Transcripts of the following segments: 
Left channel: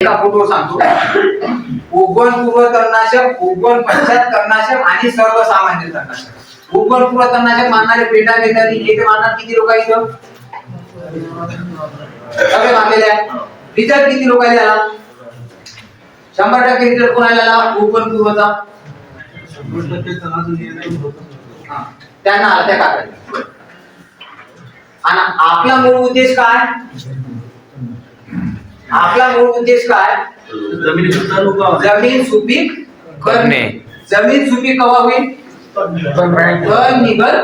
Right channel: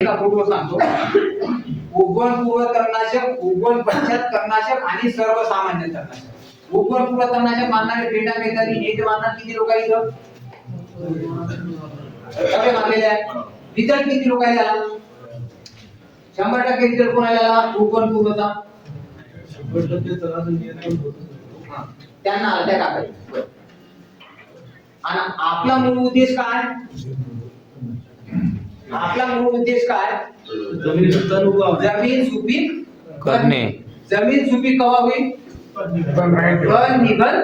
एका फोटोवर सांगतो. उगवण पूर्व तणनाशक, उगवण पश्चात तणनाशक आणि सर्वसामान्य तणनाशक. उगवण पूर्व तणनाशक मारणारे पेटा घेताना हे ते मारणार किती लोक इथं सगळे मारलेले आहे. रिझल्ट किती लोकांना आला? 100% रिझल्ट कोणाला आला? उगवण पूर्वचा 100% तणाचं नियंत्रण होतं. त्यांना आला त्या कागद. आणि आपला मूळ उद्देश काय? आपला मूळ उद्देश काय? जमीन सुपीक करणे. जमीन सुपीक कवा होईल? तण निघल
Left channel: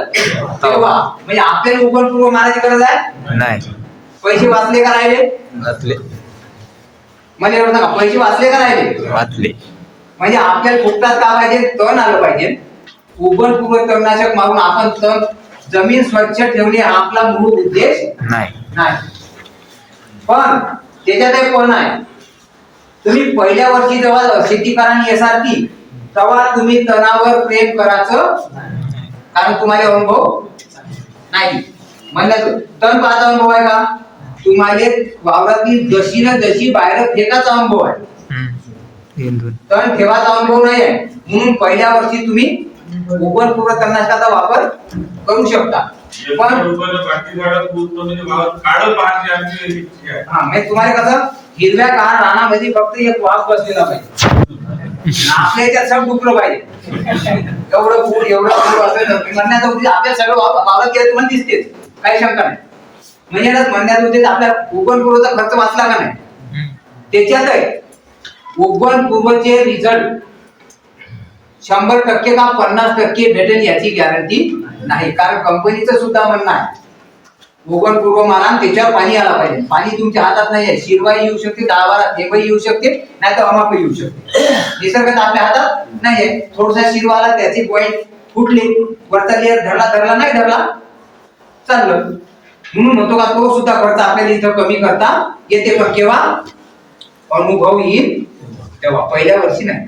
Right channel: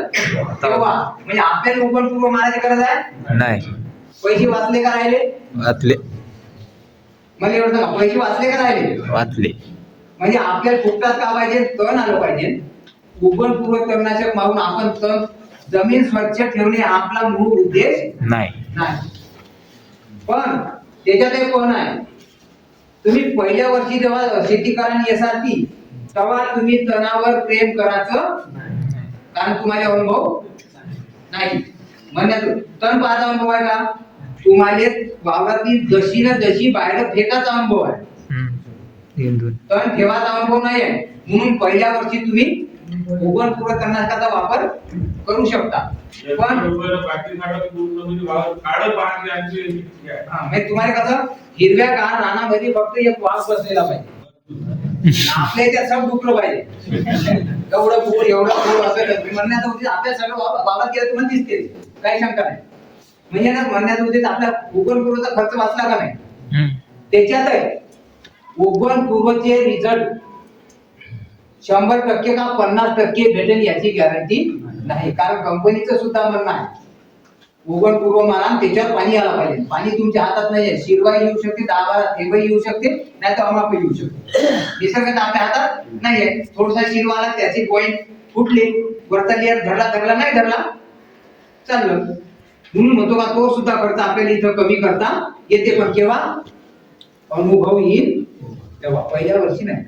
तेव्हा. म्हणजे आपल्याला उगवण पूर्व मारायची गरज आहे नाही. पैसे वाचले का राहिले? वाचले. मला एवढं सांगा, पैसे वाचले का राहिले? वाचले. म्हणजे आपल्याला फुकटात का पाहिजे? तण आलं पाहिजे. उगवण पूर्व तणनाशक मारून आपण तण जमीन स्वच्छ ठेवणे हा आपला मूळ उद्देश नाही. पण त्याच्यात एक पण आहे. तुम्ही पहिल्या वर्षी जेव्हा शेती करा एसआरटी तेव्हा तुम्ही तणावर प्रेम करायचं, कारण तुम्हाला अनुभव नाही. म्हणण्याचं तण पाहायचा अनुभव आहे का? तुम्हाला वावरातली जशी ना जशी बाहेर फेकाचा अनुभव आहे, तण ठेवायचा अनुभव नाही आहे. म्हणून पहिल्या वर्षी तुम्ही उगवण पूर्व तणनाशकाचा वापर करू शकता. पण तुम्हाला कसं हिरव्या कार रानामध्ये फक्त एक वास बसलेला पाहिजे, आपल्या याच्यात सगळं डुकलं पाहिजे. एवढं पूर असं म्हणण्याचा उद्देश आपल्या सगळं वावरात केलं तुम्हाला दिसतेच, काही शंका नाही. म्हणजे म्हणण्याचा उद्देश आपल्या उगवण पूर्वचा खर्च वाचला का नाही त्याच्यात आहे. उगवण पूर्वचे रिझल्ट 100% का 50% भेटेल याची गॅरंटी नाही. कारण कंपनीचं सुद्धा म्हणणं आहे उगवण पूर्व मारा त्याच्यावर पाणी आला पाहिजे. पाणी तुमच्या हातात नाही आहे. शिरवाई येऊ शकते, 10-12 थेंबही येऊ शकते, नाही तर अमाप येऊ शकते. निसर्गात आपल्या हातात नाही आहे. थोडासा शिरवा आला, त्याची पॉइंट फुटली, वरचा लेअर धरला नाही धरला चाललं. म्हणून म्हणतो का तो सुद्धा खर्च आपल्याला इथं कमी करता येते. पण केव्हा अनुभव येईल तेव्हा, पहिल्या वर्षी नाही.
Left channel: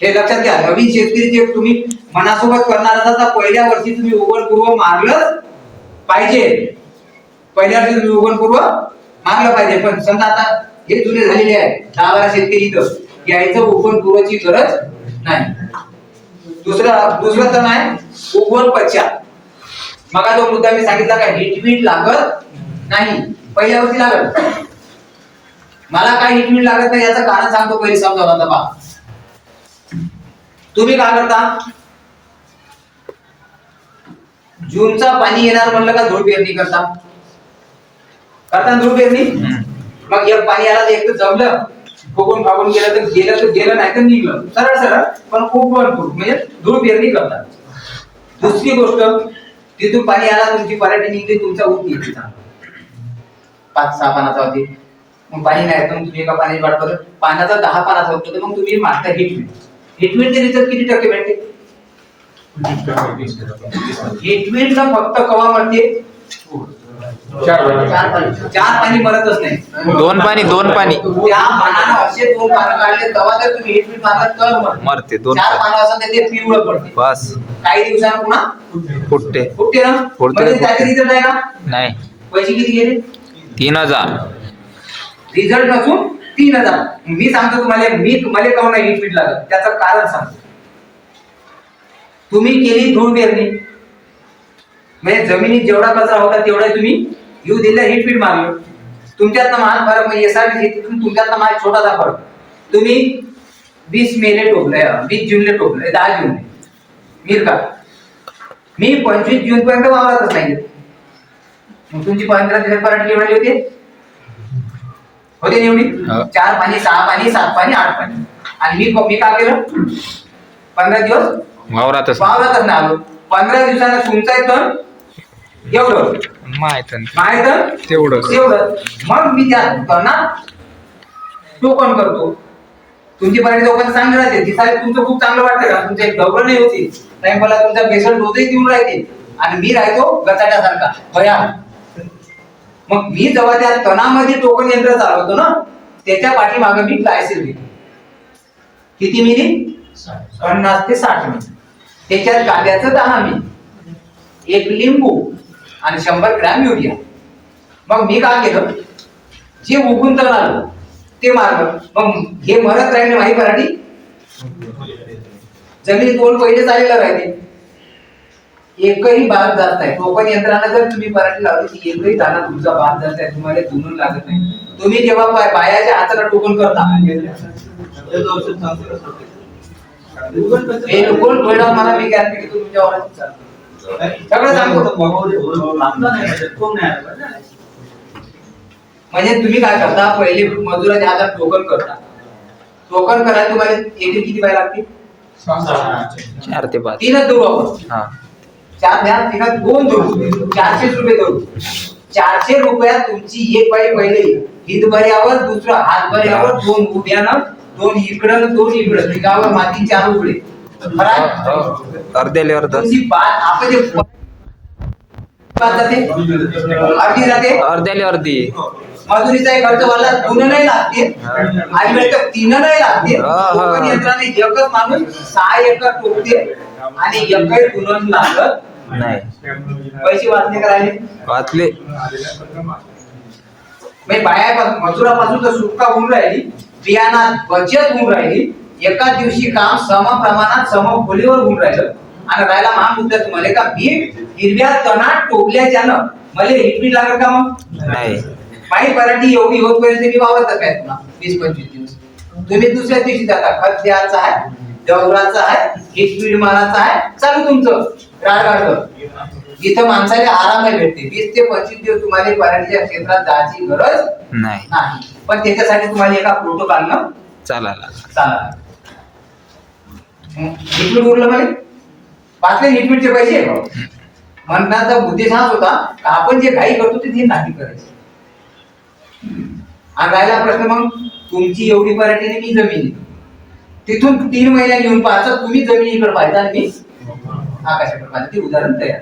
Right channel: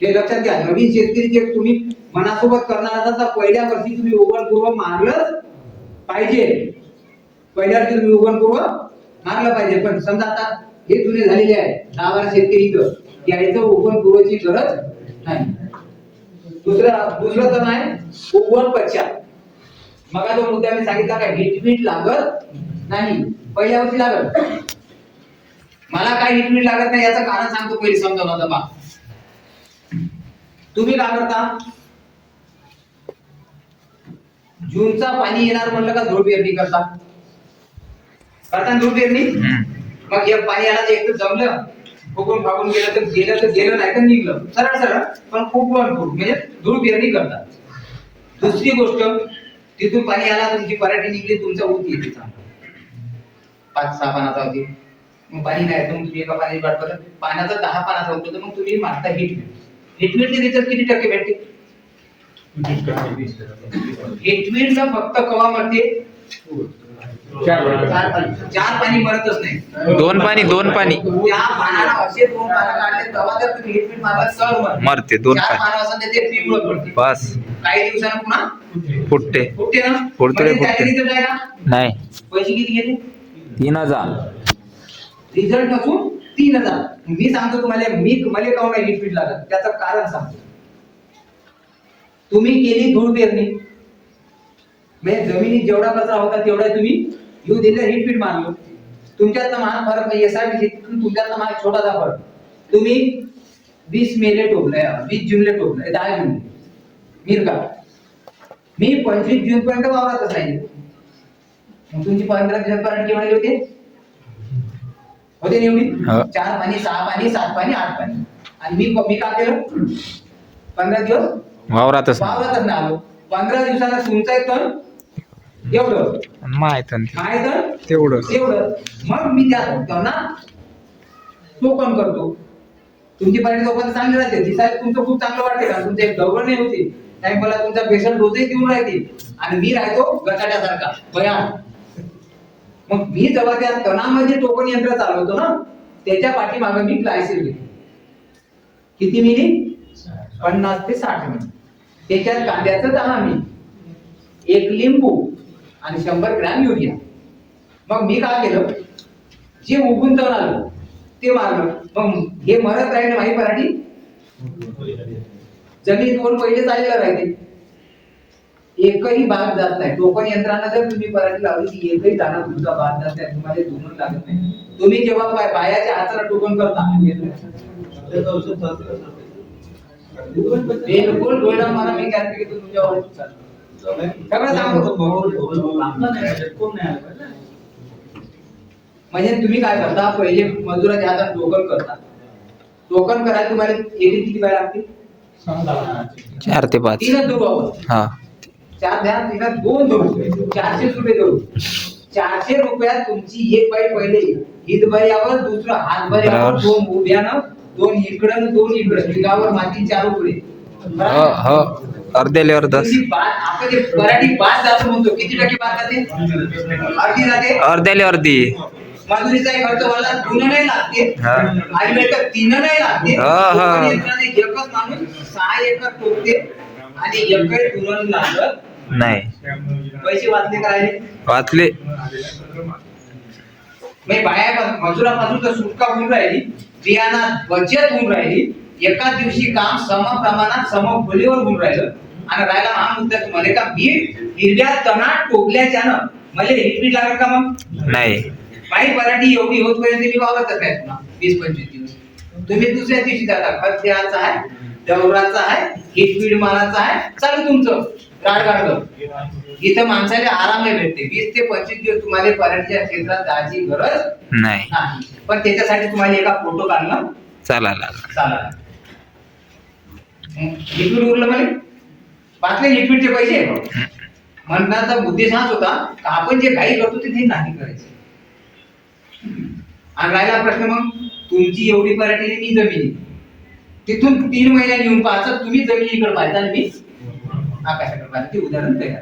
हे लक्षात घ्या. नवीन शेतकरी जे तुम्ही मनासोबत करणार असाल तर पहिल्या वर्षी तुम्ही उगवण पूर्व मारलंच पाहिजे. पहिल्या वर्षी तुम्ही उगवण पूर्व मारलं पाहिजे. पण समजा आता हे जुने झालेले आहे 10-12 शेतकरी इथं यायचं उगवण पूर्वची गरज नाही. दुसरं तर नाही उगवण पश्चात. मग तो मुद्दा मी सांगितला का हिटवीट लागत नाही, पहिल्या वर्षी लागत. मला काय हिटवीट लागत नाही याचं कारण सांगतो, पहिले समजावून. आता पहा, तुम्ही काय करता? जूनचा पाणी येणार म्हणलं का धूळ पेरणी करता धूळ पेरणी. मग एक पाणी आला तर एक तर जमलं, फुगून फागून गेलं तर गेलं नाही तर निघलं, सरळ. पण उगवण पूर्व म्हणजे धूळ पेरणी करतात. दुसरी गोष्ट, तिथून पाणी आला, तुमची पराठी निघली, तुमचा ऊस निघली चांगला 5-6 पानाचा होती. मग पाणी नाही तर तुम्ही एका पाण्याची वाट बघत पाण्याचा 10 पानाचा होतो, तर मग तुम्ही मागता हिटवीटचे रिझल्ट किती टक्के भेटते? हिटवीट न फक्त कवा मरते? 4 पाणी मरतच नाही. 2 पाणी त्या पानाला असे 2 पानं काढले तेव्हा जर तुम्ही हिटवीट मारला तर मरते. 4 पानं असं ते पिवळं पडते. बस काही दिवसांनी पुन्हा फुटते ना. म्हणजे त्याचे रिझल्ट आहे का? नाही. पैसे किती गेले? 3000. रिझल्ट नसून 3000. मी सांगतो तुम्हाला, मला काऊन नाही हिटवीट लागत त्याचं कारण सांगतो. तुम्ही केली धूळ पेरणी, म्हणजे जमिनीत जेवढा कचरा होता तेवढा तुम्ही येऊ दिला, हिटवीट मारलं. तुमच्यात महान फरक म्हणजे एसआरटी शेतीतून तुमच्यात माझा छोटासा फरक. तुम्ही 20 मेले टोकले, 20 जूनले टोकले, 10 जूनले मिरका. मी 25 जून पर्यंत वावरतच नाही. मग तुमची 15 दिवस पराठी केवढी होते एवढी? 4 पाणी, 6 पाणी, 7 पाणी, 8 पाणी. आणि मी काय केलं? 15 दिवस वावरातच नाही आलो. 15 दिवसांना तुमचा तण एवढं माहित तेवढं. मग मी त्या तणात टोकन करतो. तुमची पराठी लोकांना चांगली राहते, दिसायला तुमचं खूप चांगलं वाटतं का? तुमच्या एक डबल नाही होती, नाही मला तुमचा बेसन डोसही देऊन राहते आणि मी राहतो गचाट्यासारखा भयान. मग मी जेव्हा त्या तणामध्ये टोकन यंत्र चालवतो ना, त्याच्या पाठीमागे मी ग्लायसिल घेतो. किती मिली? 50 ते 60 मिली. त्याच्यात कांद्याचं 10 मिली, 1 लिंबू आणि 100 ग्रॅम युरिया. मग मी काय केलं, जे उगून तर आलं ते मारलं, मग हे मरत राहील ना माही पराठी. जमिनीत ओल पहिलेच आलेलं राहते, एकही भाग जात नाही. टोकन यंत्रानं जर तुम्ही पराठी लावली ती एकही दाणा तुमचा भाग जात नाही, तुम्हाला धुणून लागत नाही. तुम्ही जेव्हा बायाच्या हाताला टोकन करता बिलकुल डोळा मला मी गॅरंटी की तुमच्यावर सगळं सांगतो. म्हणजे तुम्ही काय करता, पहिले मजुराच्या हातात टोकन करता. टोकन करायला तुम्हाला एकरी किती बाय लागते? 4 ते 5. तीनच धरू आपण. हा 4 द्या, तिला 2 धरू, 400 रुपये धरू. 400 रुपयात तुमची एक बाई पहिले हितभऱ्यावर, दुसरं हातभऱ्यावर, 2 उभ्यानं, 2 इकडं, 2 इकडं, तिघावर माती 4 उकडे. हो अर्धेले अर्ध तुमची बाद, आपण जे पराठी बाद जातो म्हणतो, किती टक्के बाद जाते? अर्धी जाते. अर्ध्याले अर्धी. मजुरीचा खर्च वाला 2 नाही लागते आणि वेळेला 3 नाही लागते. टोकन यंत्राने एकच माणूस 6 एकर टोकते आणि एकही धुणं लागत नाही. पैसे वाचले करायले वाचले. मजुरापासून तर सुटका होऊन राहिली, बियाणात बचत होऊन राहिली, एका दिवशी काम सम प्रमाणात सम खोलीवर होऊन राहिलं. आणि राहिला हा मुद्दा तुम्हाला का मी हिरव्या तणात टोकल्याच्यानं मला हिटपीट लागत का? मग नाही. माही पराठी एवढी होतपर्यंत मी वावरतच नाही पुन्हा 20-25 दिवस. तुम्ही दुसऱ्या दिवशी जाता, खत द्यायचा आहे, डवराचा आहे, हिटपीट मारायचा आहे, चालू तुमचं राडगाड. इथं माणसाला आराम भेटते. 20 ते 25 दिवस तुम्हाला पराठीच्या क्षेत्रात जायची गरज नाही. पण त्याच्यासाठी तुम्हाला एका फोटो काढणं चालायला चालणार. हिटपीट उरलं मला वाचले हिटपीटचे पैसे. म्हणण्याचा उद्देश हाच होता का आपण जे काही करतो ते नाही करायचे. आणि राहिला प्रश्न मग तुमची एवढी पराठी आणि मी जमिनी, तिथून 3 महिन्यात येऊन पाहायचं, तुम्ही जमिनीकडे पाहायचं आणि मी आकाशाकडे पाहायचं. ते उदाहरण तयार.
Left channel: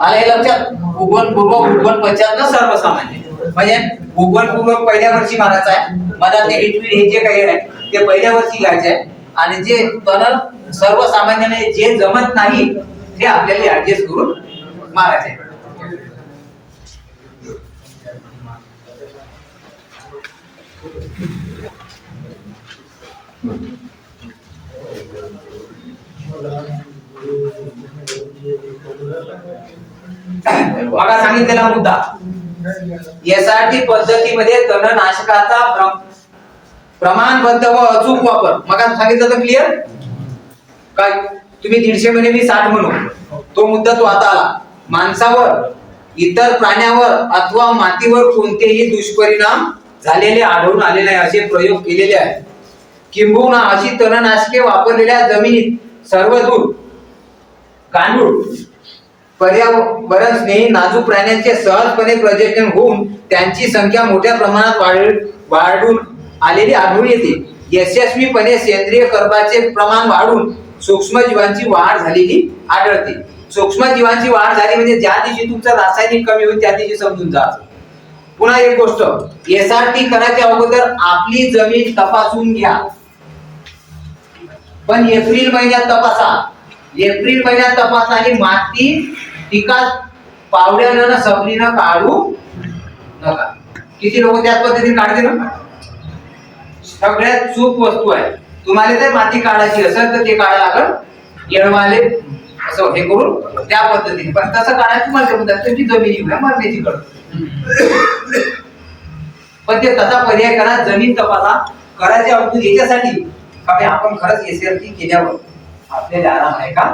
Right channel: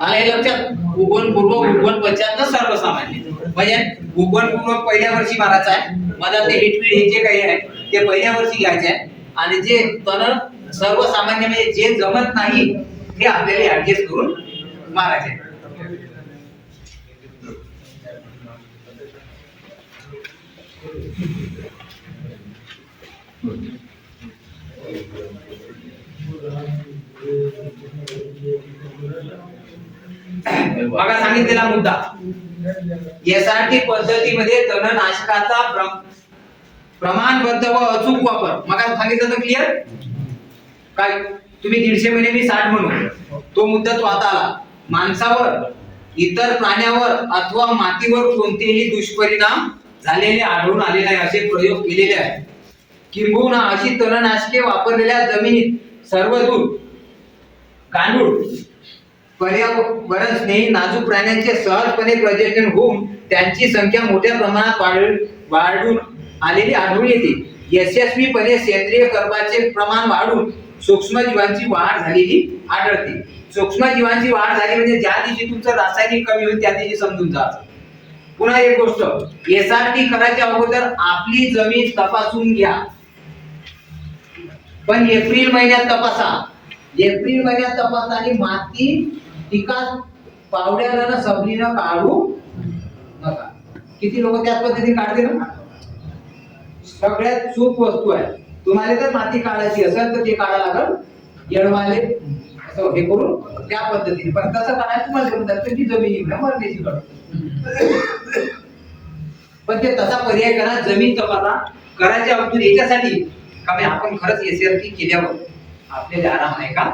आलं हे लक्षात? उगवण पूर्व, उगवण पश्चात ना सर्वसामान्य. म्हणजे उगवण पूर्व पहिल्या वर्षी मारायचं आहे, मला ते हिटपीट हे जे काही आहे ते पहिल्या वर्षी घ्यायचे आहे. आणि जे तण सर्वसामान्य म्हणजे जे जमत नाही ते आपल्याला ऍडजस्ट करून मारायचे. बघा सांगितलेला मुद्दा, एसआरटी पद्धतीमध्ये तणनाशकाचा प्रमाणबद्ध व अचूक वापर. मग सांगितलं तर क्लिअर काय? तुम्ही 150 म्हणे, मी 60 म्हणू, तो मुद्दा तो आता आला. माणसावर, इतर प्राण्यावर अथवा मातीवर कोणतेही दुष्परिणाम झालेले आढळून आले नाही असे प्रयोग केलेले आहेत. किंबहुना अशी तणनाशके वापरलेल्या जमिनीत सर्वदूर गांडूळ, पर्यावरण स्नेही नाजूक प्राण्यांचे सहजपणे प्रजनन होऊन त्यांची संख्या मोठ्या प्रमाणात वाढून आलेली आढळून येते. यशस्वीपणे सेंद्रिय कर्बाचे प्रमाण वाढून सूक्ष्मजीवांची वाढ झालेली आढळते. सूक्ष्मजीवांची वाढ झाली म्हणजे ज्या दिवशी तुमचं रासायनिक कमी होईल त्या दिवशी समजून जा. पुन्हा एक गोष्ट, एसआरटी करायच्या अगोदर आपली जमीन तपासून घ्या, पण एप्रिल महिन्यात तपासा. एप्रिल महिन्यात तपासा आणि माती पिकात पावड्यानं सबलीनं काढू नका. किती लोक त्याच पद्धतीने काढते ना? सगळ्यात चूक वस्तू आहे. तुम्हाला जर माती काढायची असेल तर ते काढा लागल येणवाले असं हे करून त्या पद्धतीने. पण तसं काढायचं तुम्हाला जमत नाही, तुमची जमीन येऊ मरण्याची कळ. पण ते तसा पर्याय करा, जमीन तपासा. करायच्या अगोदर याच्यासाठी का आपण खरंच एसआरटी केल्यावर आपल्याला आराम आहे का?